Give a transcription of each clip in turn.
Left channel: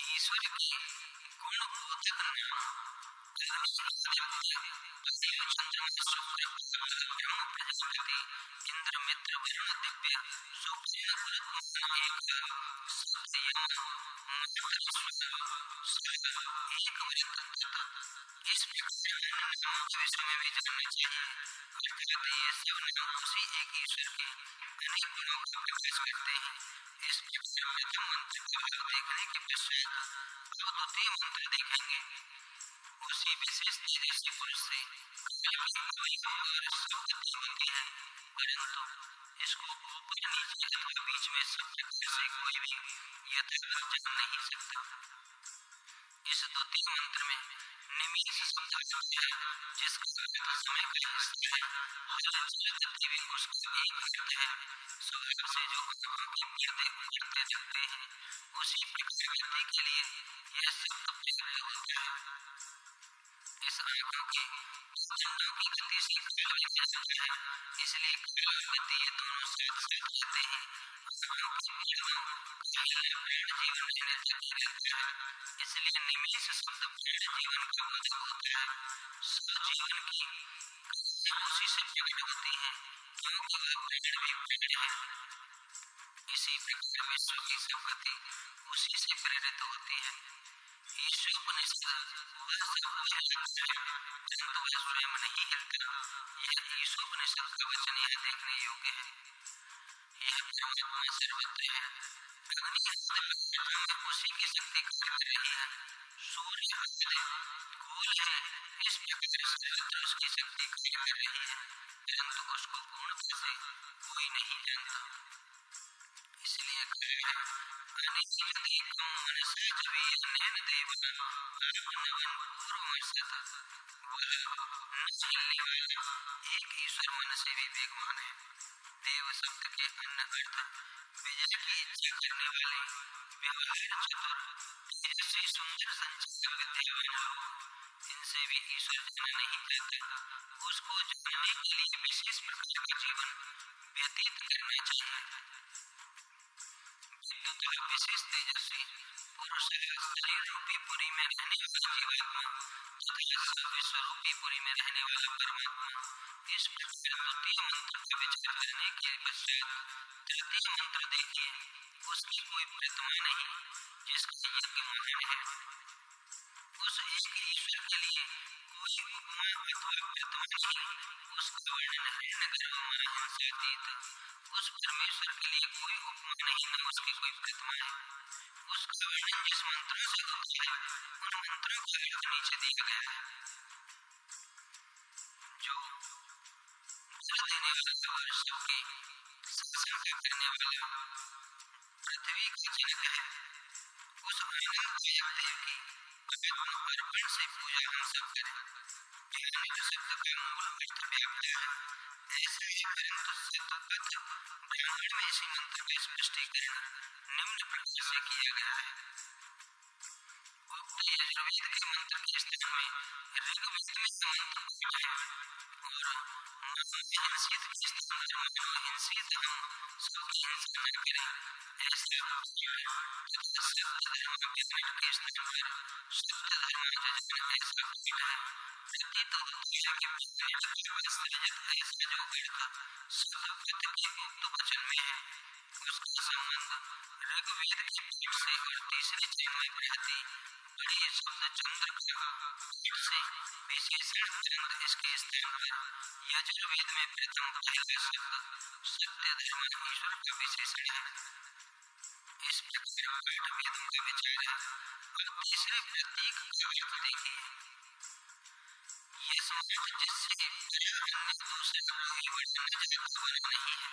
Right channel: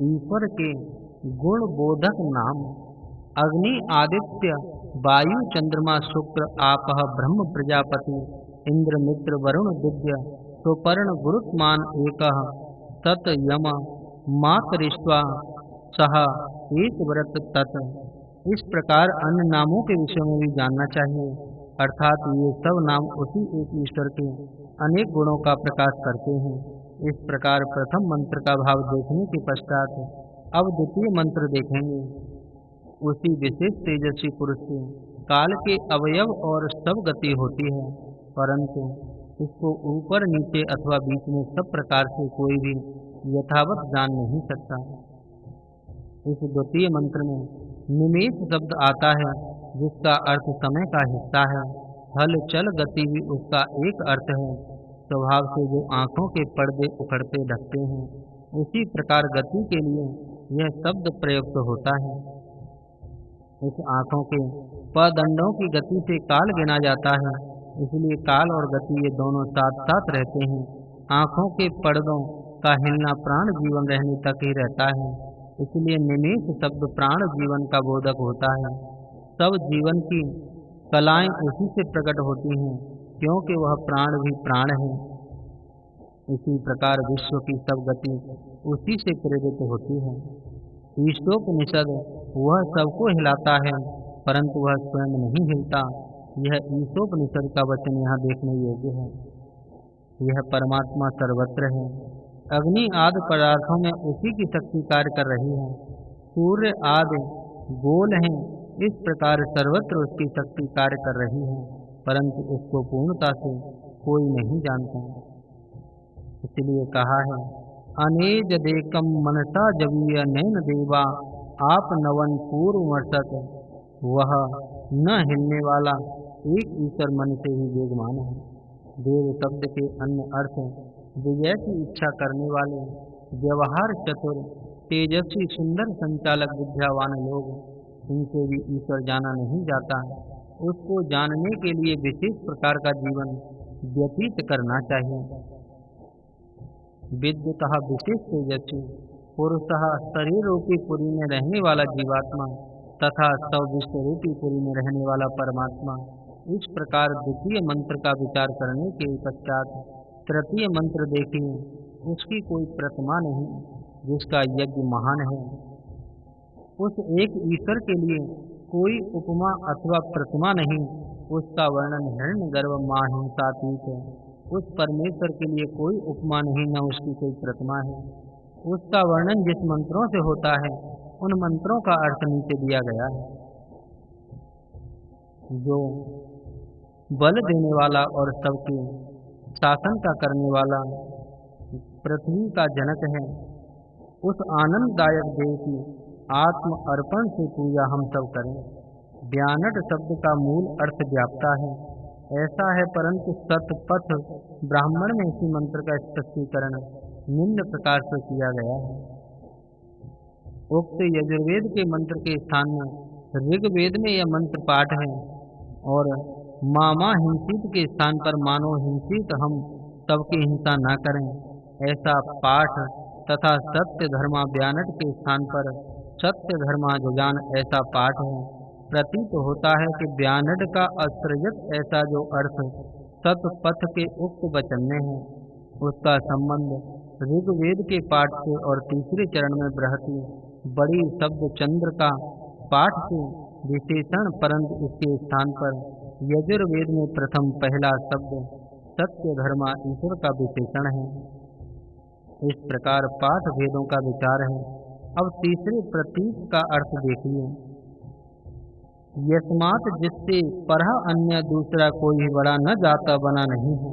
ईश्वर के गुण बोधक नाम अग्नि आदित्य वायु चंद्रमा शुक्र आपः ब्रह्म प्रजापति इंद्र मित्र वरुण दिव्य सुपर्ण गुरुत्मान एकः सत यम मातरिश्वा सह एक व्रत तत्। इस प्रकार अन्य नामों के विषय में भी जानना चाहिए, अर्थात ये सब नाम उसी एक ईश्वर के अनेक गुणों का प्रकाश करते हैं। इस प्रकार प्रथम मंत्र का भाव देखने के पश्चात अब द्वितीय मंत्र देखेंगे। उसी विशेष तेजस्वी पुरुष से काल के अवयव और सब गति होती है, परंतु इसको ऊपर नीचे अथवा बीच में सब प्रकार से कोई भी यथावत जान नहीं सकता। इस द्वितीय मंत्र में निमेष शब्द आता है, जिसका अर्थ समय का हिस्सा है। हल चल गति भी उसका एक अर्थ है। स्वभाव से जो आँखों के पर्दे उखड़ते ढकते हैं, उसी प्रकार गति के लिए यह शब्द प्रयुक्त होता है। इस आँखों के पदंडों की गति से काल गिना जाता है, इसलिए काल और गति ये दोनों साथ साथ रहते हैं। आँखों के पर्दों का हिलना प्राण जीवन रहने तक ही रहता है, इसलिए निमेष शब्द प्राण जीवन का बोधक होता है। सब जीवन की कलाएं उसी से प्रकट होती हैं, क्योंकि वह प्राण भी प्राण है। इसी प्रकार विश्व की सब गति उसी से प्रेरित होती है। ईशोपनिषद वह सबको हिलाता है, परंतु वह स्वयं नहीं हिलता। यह ईशोपनिषद का वचन यहाँ देखने योग्य है। यह परमात्मा सर्वत्र है। अग्नि आदि पदार्थों में उसी की शक्ति कार्य कर रही है। सूर्य आदि गोल हैं, इस प्रकार सर्वत्र उसकी शक्ति कार्य कर रही है, परंतु उसको पूर्णता से कोई नहीं जानता। इसलिए कहा है, अनेज देकम मनसा जवीय नैन देवा आप नवन पूर्वमर्शत। वह न हिलने वाला एक ईश्वर मन से भी वेगमान है। देव शब्द के अन्य अर्थ विजय की इच्छा करने वाले, व्यवहार चतुर, तेजस्वी, सुंदर, संचालक, विद्यावान लोग, इनसे भी ईश्वर जाना नहीं जाता। उसको जानने के लिए विशेष प्रकार का जीवन व्यतीत करना चाहिए। विद्युतः विशेष तेजस्वी पुरुषः शरीर रूपी पुरी में रहने वाला जीवात्मा तथा सौ विश्व रूपी पुरी में रहने वाला परमात्मा। इस प्रकार द्वितीय मंत्र का विचार करने के पश्चात तृतीय मंत्र देखिए। उसकी कोई प्रतिमा नहीं, जिसका यज्ञ महान है। उस एक ईश्वर के लिए कोई उपमा अथवा प्रतिमा नहीं। उसका वर्णन हिरण्यगर्भ माहिंसातीत। उस परमेश्वर के लिए कोई उपमा नहीं, न उसकी कोई प्रतिमा है। उसका वर्णन जिस मंत्रों से होता है, उन मंत्रों का अर्थ नीचे दिया गया है। जो बल देने वाला और सबके शासन का करने वाला, पृथ्वी का जनक है, उस आनंददायक देव की आत्म अर्पण से पूजा हम सब करें। व्यानट शब्द का मूल अर्थ व्याप्ता है, ऐसा है, परंतु सतपथ ब्राह्मण में इसी मंत्र का स्पष्टीकरण निम्न प्रकार से किया गया है। उक्त यजुर्वेद के मंत्र के स्थान में ऋग्वेद में यह मंत्र पाठ है, और मामा हिंसित के स्थान पर मानो हिंसित हम सबकी हिंसा न करें, ऐसा पाठ तथा सत्य धर्मा व्यानट के स्थान पर सत्य धर्मा जजान ऐसा पाठ है। प्रतीत होता है कि व्यानट का असृजत ऐसा जो अर्थ सतपथ के उक्त वचन में है, उसका संबंध ऋग्वेद के पाठ से और तीसरे चरण में बृहति बड़ी शब्द चंद्र का पाठ से विशेषण, परंतु इसके स्थान पर यजुर्वेद में प्रथम पहला शब्द सत्य धर्मा ईश्वर का विशेषण है। इस प्रकार पाठ भेदों का विचार है। अब तीसरे प्रतीक का अर्थ देखिए। यस्मात्, जिससे परह अन्य दूसरा कोई भी बड़ा न जाता बना नहीं है,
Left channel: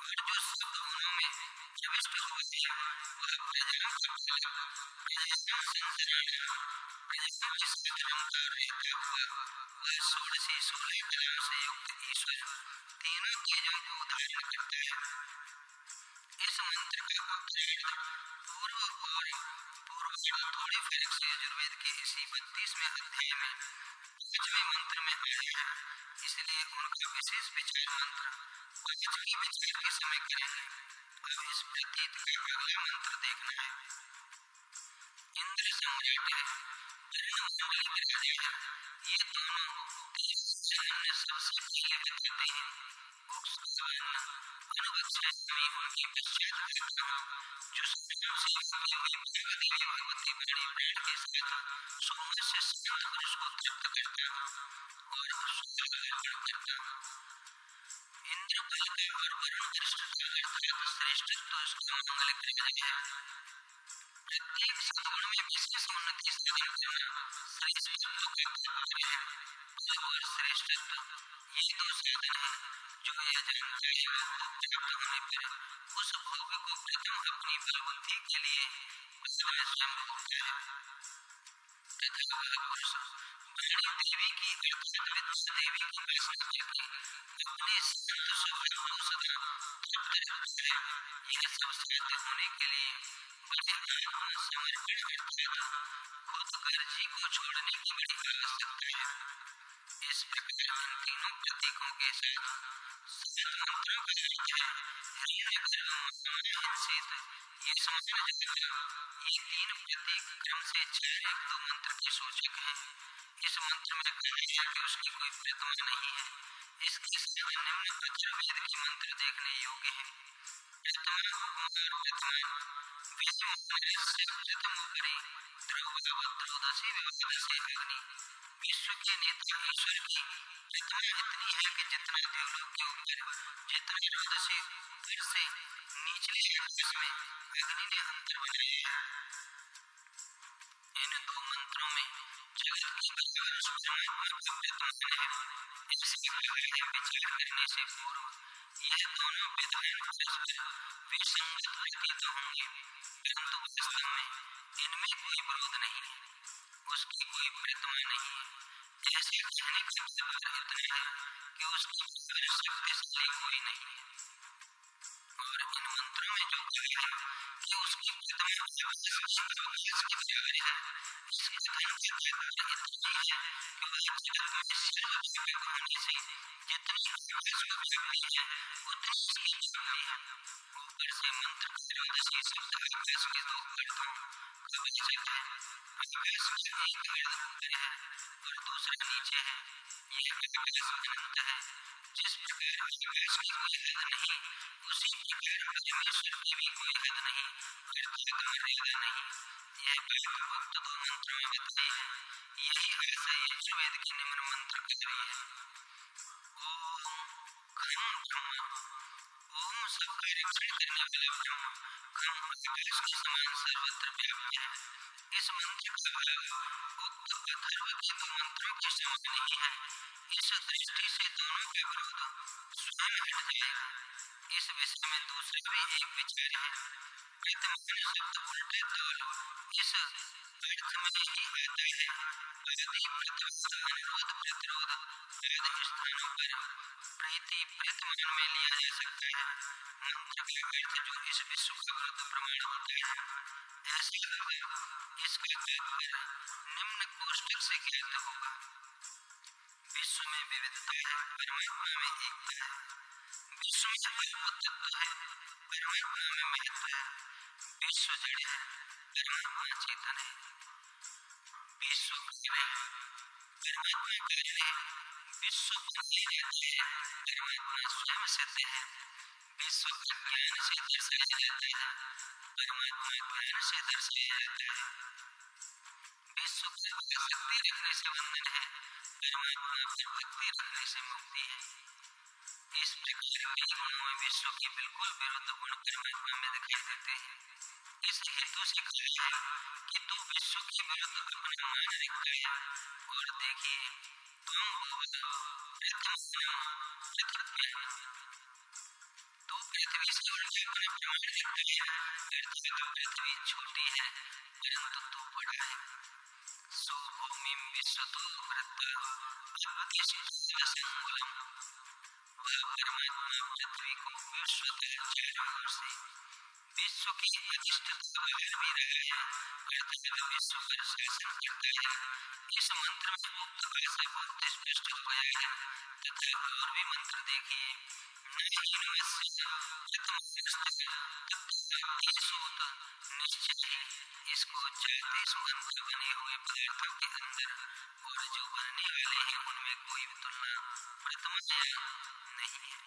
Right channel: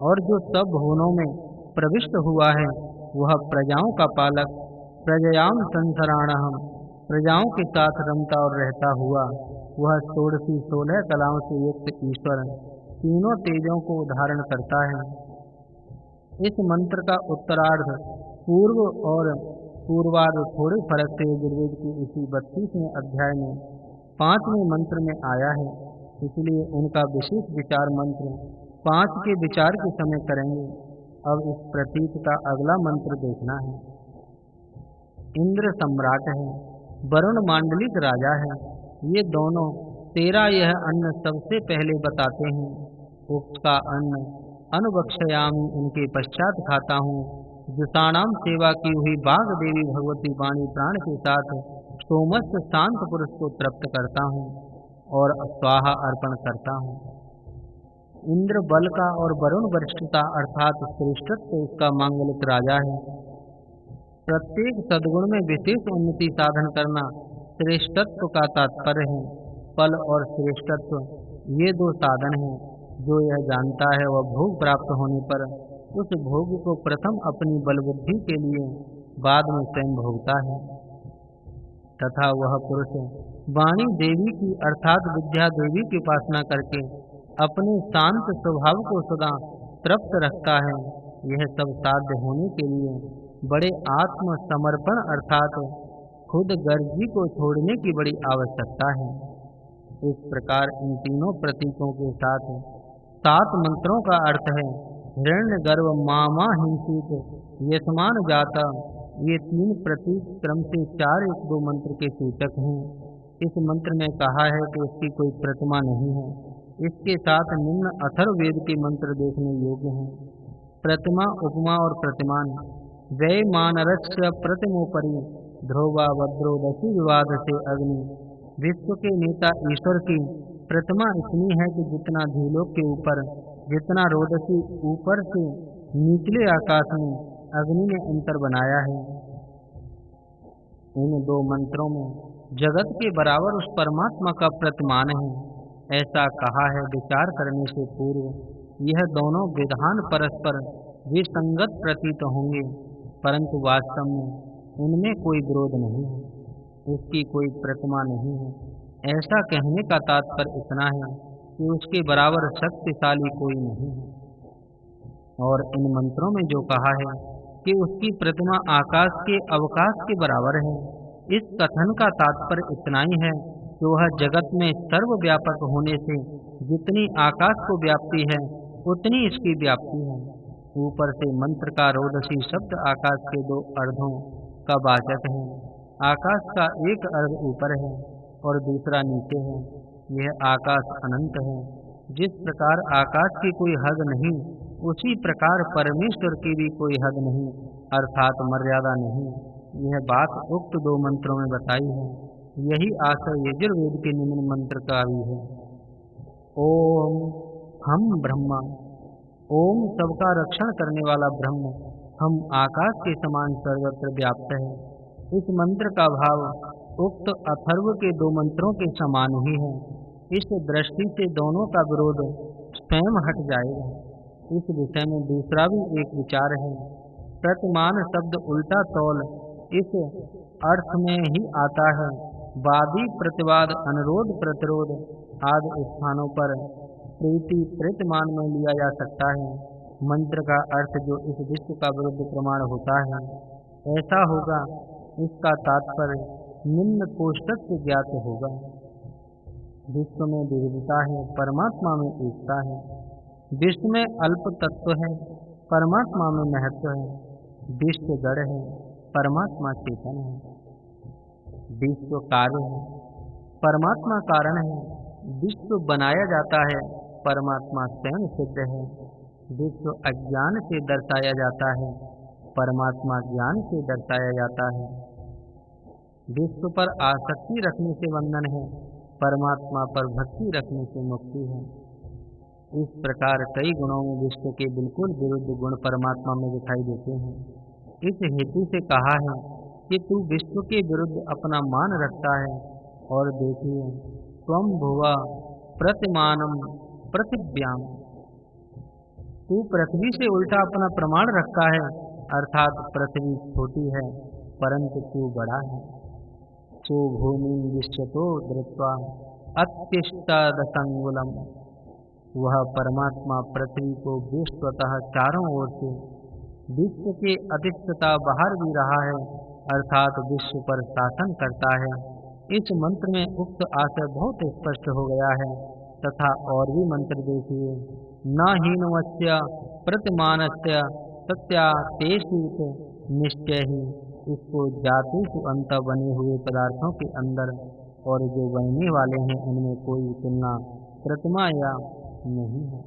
और जो सब भुवनों में प्रविष्ट हुआ है, वह प्रजाओं का पालक, प्रजयाम संसराणहम, प्रजाओं के साथ रमता और रहता हुआ, वह षोडशी 16 कलाओं से युक्त ईश्वर तीनों तेजों को धारण करता है। इस मंत्र का उत्तरार्ध पूर्व और पूर्वार्ध थोड़े फर्क से यजुर्वेद के इसी 32वें अध्याय में 5वें मंत्र में आया है, इसलिए उनका विशेष विचार मंत्र 5 के विचार के समय करेंगे। अब इस प्रतीत का अगला मंत्र देखना है। इंद्र सम्राट है, वरुण मांडलिक राजा है। ये दोनों तेरा यह अन्न सबसे पहले बताते हैं। उसका अन्न अनुबक्षयामि, उनके पश्चात खाता हूँ। जुषाणाम सेवा की हुई बाघ देवी भगवती वाणी प्राण के साथ सोमस्य शांत पुरुष को तृप्त करता हूँ और स्वाहा अर्पण करता हूँ। इंद्र बल का और वरुण वरिष्ठता अर्थात श्रेष्ठत्व इसका मांगलिक राजा है। प्रत्येक सद्गुण में विशेष उन्नति साधन करना श्रेष्ठत्व का तात्पर्य है। पल और श्रेष्ठत्व ये दो साधन हैं। जो यह जानता है वह भोग प्राप्त होने पर उस भोग को प्रथम अपनी बल बुद्धि के लिए, बाद में स्वयं भोगता है। तथा वह पुरुष वाणी देवी की अर्थात विद्या देवी की उपासना करके अपने शांत स्वभाव को सदा तृप्त रखता है। यह सब साध्य होने के लिए बड़े आत्म समर्पण अर्थात खुद गर्जी को छोड़ने की बड़ी आवश्यकता है। इस प्रकार इन तीनों प्रतीकों के साथ 7 मंत्रों का अर्थ है। हिरण्यगर्भ, मामा हिंसित, यशमान जाता, ये 3 प्रतीक क्रम से 4-1-2 मंत्र के सूचक हैं। इस मंत्र में कहा है कि उसकी कोई प्रतिमा नहीं है। इसके साथ निम्न अथर्ववेद के मंत्र देखने योग्य हैं। प्रतिमा, उपमा और प्रतिमान। वै मानरस्य प्रतिमोपरि ध्रुवा वज्रोदसी विवाद से अग्नि। विश्व के नेता ईश्वर की प्रतिमा इतनी है कि जितना द्युलोक के ऊपर, जितना रोदसी ऊपर से निचले आकाश में अग्नि ने अंतर बनाया है। इन 2 मंत्रों में जगत के बराबर उस परमात्मा का प्रतिमान है, ऐसा कहा है। विचार करने से पूर्व यह दोनों विधान परस्पर विसंगत प्रतीत होंगे, परंतु वास्तव में इनमें कोई विरोध नहीं है। उसकी कोई प्रतिमा नहीं है, ऐसा कहने का तात्पर्य इतना है कि उसके बराबर शक्तिशाली कोई नहीं है। और इन मंत्रों में जो कहा है कि उसकी प्रतिमा आकाश के अवकाश के बराबर है, इस कथन का तात्पर्य इतना ही है कि वह जगत में सर्वव्यापक होने से जितनी आकाश को व्याप्ति है उतनी इसकी व्याप्ति है। ऊपर से मंत्र का रोदसी शब्द आकाश के 2 अर्धों का वाचक है। आकाश का एक अर्ध ऊपर है और दूसरा नीचे है। यह आकाश अनंत है। जिस प्रकार आकाश की कोई हद नहीं, उसी प्रकार परमेश्वर की भी कोई हद नहीं अर्थात मर्यादा नहीं। यह बात उक्त 2 मंत्रों में बताई है। यही आशय यजुर्वेद के निम्न मंत्र का भी है। ओम खम ब्रह्मा। ओम सबका रक्षण करने वाला ब्रह्म, खम आकाश के समान सर्वत्र व्याप्त है। इस मंत्र का भाव उक्त अथर्व के 2 मंत्रों के समान ही है। इस दृष्टि से दोनों का विरोध स्वयं हट जाएगा। इस विषय में दूसरा भी एक विचार है। प्रतिमान शब्द उल्टा तौल इस अर्थ में ही आता है। वादी प्रतिवाद, अनुरोध प्रतिरोध आदि स्थानों पर प्रीति प्रतिमान में लिया जा सकता है। मंत्र का अर्थ जो इस विश्व का विरुद्ध प्रमाण होता है ऐसा होगा, इसका तात्पर्य निम्न कोष्ठक से ज्ञात होगा। विश्व में विविधता है, परमात्मा में एकता है। विश्व में अल्प तत्व है, परमात्मा में महत्व है। विश्व जड़ है, परमात्मा चेतन है। विश्व कार्य है, परमात्मा कारण है। विश्व बनाया जाता है, परमात्मा स्वयं सिद्ध है। विश्व अज्ञान से दर्शाया जाता है, परमात्मा ज्ञान से दर्शाया जाता है। विश्व पर आसक्ति रखने से बंधन है, परमात्मा पर भक्ति रखने से मुक्ति है। इस प्रकार कई गुणों में विश्व के बिल्कुल विरुद्ध गुण परमात्मा में दिखाई देते हैं। इस हेतु से कहा है कि तू विश्व के विरुद्ध अपना मान रखता है। और देखिए, त्वं भुवा प्रतिमानम पृथिव्याम। तू पृथ्वी से उल्टा अपना प्रमाण रखता है, अर्थात पृथ्वी छोटी है परंतु तू बड़ा है। सो भूमिम विश्वतो वृत्वा अत्तिष्ठदशंगुलम। वह परमात्मा पृथ्वी को विश्वतः चारों ओर से विश्व के अधिष्ठता बाहर भी रहा है, अर्थात विश्व पर शासन करता है। इस मंत्र में उक्त आशय बहुत स्पष्ट हो गया है। तथा और भी मंत्र देखिए। न हीनवस्य प्रतिमानस्य तत्या तेसूत निश्चय ही इसको जातेषु अंत बने हुए पदार्थों के अंदर और जो बनने वाले हैं उनमें कोई तुलना प्रतिमा या नहीं है।